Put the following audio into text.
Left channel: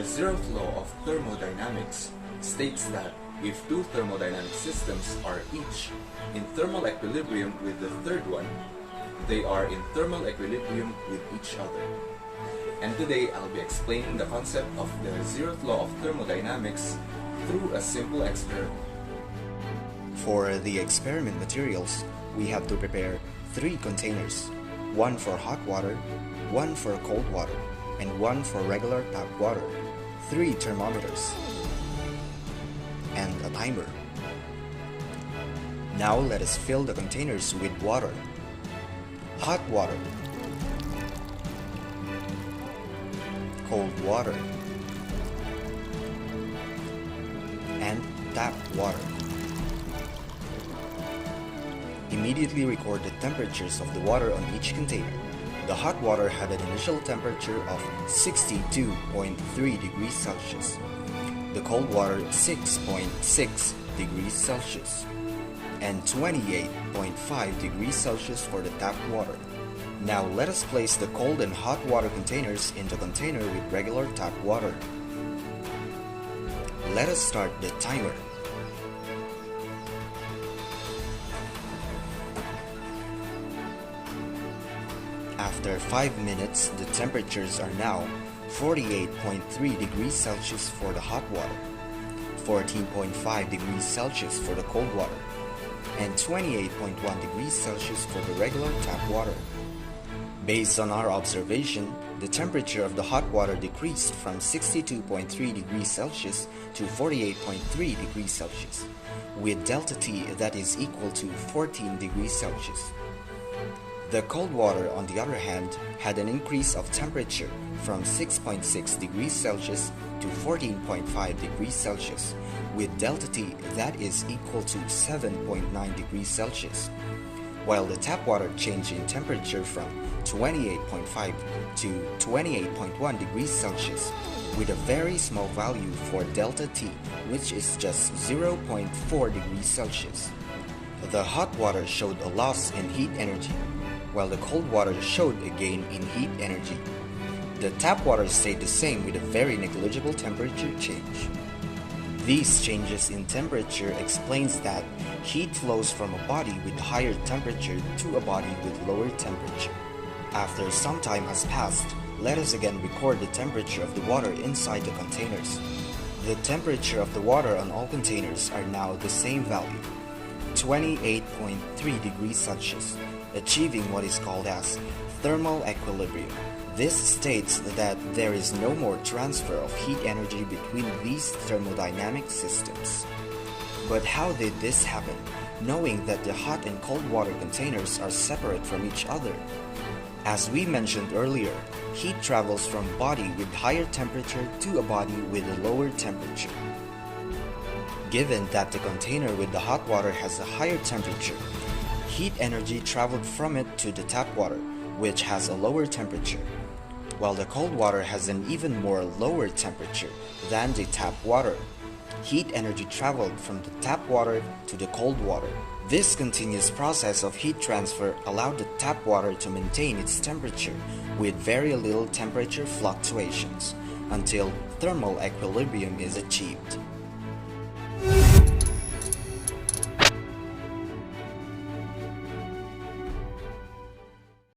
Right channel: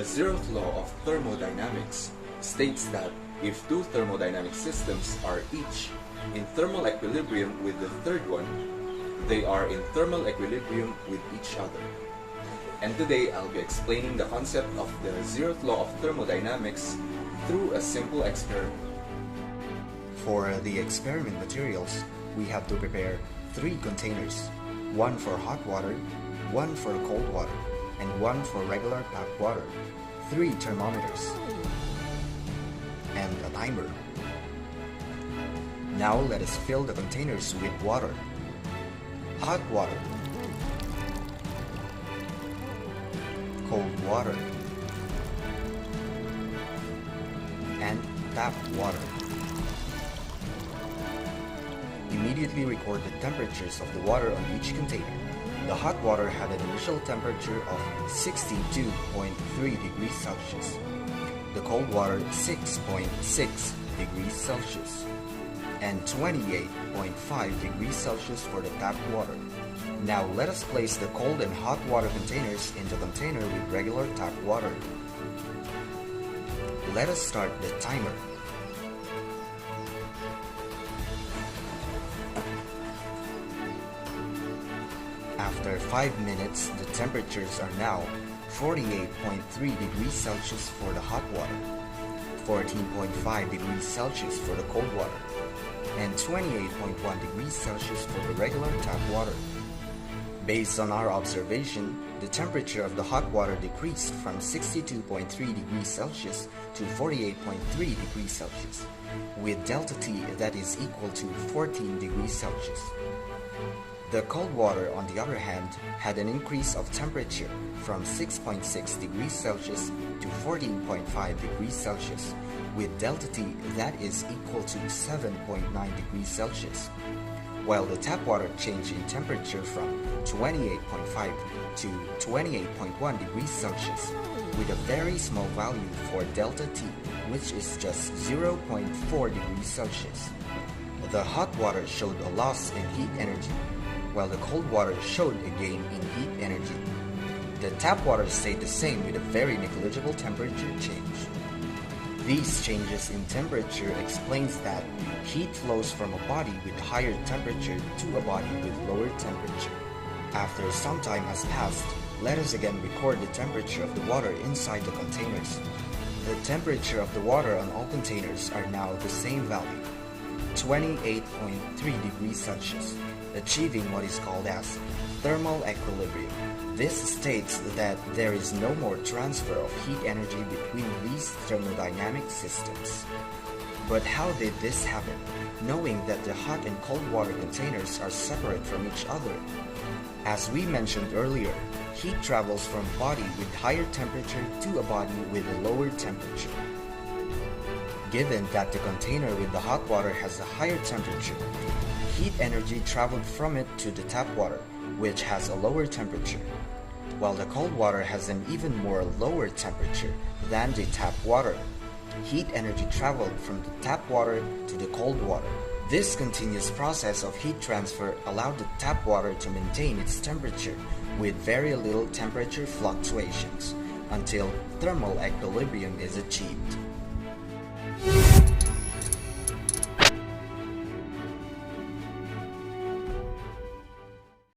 The Zeroth Law of Thermodynamics states that if two thermodynamic systems are each in thermal equilibrium with the third one, they are in thermal equilibrium with each other. And today I'll be explaining the concept of the Zeroth Law of Thermodynamics through a simple experiment. For the experiment materials, we have to prepare 3 containers, one for hot water, one for cold water, and one for regular tap water, 3 thermometers, and a timer. Now let us fill the containers with water, hot water, cold water, and tap water. Immediately record the temperatures of the water on each container. The hot water had an initial temperature of 62.3 degrees Celsius. The cold water 6.6 degrees Celsius. And 28.5 degrees Celsius for the tap water. Now let us place the cold and hot water containers into a container with regular tap water. Let us start the timer. After 5 minutes, the temperatures are now 48.3 degrees Celsius for the hot water, 14.5 degrees Celsius for the cold water, and 28.1 degrees Celsius for the regular tap water. Based on our observation, the temperature of the hot water decreased from 62.3 degrees Celsius to 48.3 degrees Celsius, with delta T that is equal to 14 degrees Celsius. The cold water, on the other hand, had an increase of temperature from 6.6 degrees Celsius to 14.5 degrees Celsius, with delta T that is equal to 7.9 degrees Celsius, while the tap water changed in temperature from 28.5 to 28.1 degrees Celsius, with a very small value for delta T, which is just 0.4 degrees Celsius. The hot water showed a loss in heat energy, while the cold water showed a gain in heat energy. The tap water stayed the same with a very negligible temperature change. These changes in temperature explains that heat flows from a body with higher temperature to a body with lower temperature. After some time has passed, let us again record the temperature of the water inside the containers. The temperature of the water on all containers are now the same value, 28.3 degrees Celsius, achieving what is called as thermal equilibrium. This states that there is no more transfer of heat energy between these thermodynamic systems. But how did this happen, knowing that the hot and cold water containers are separate from each other? As we mentioned earlier, heat travels from a body with higher temperature to a body with a lower temperature. Given that the container with the hot water has a higher temperature, heat energy traveled from it to the tap water, which has a lower temperature, while the cold water has an even more lower temperature than the tap water. Heat energy traveled from the tap water to the cold water. This continuous process of heat transfer allowed the tap water to maintain its temperature with very little temperature fluctuations until thermal equilibrium is achieved.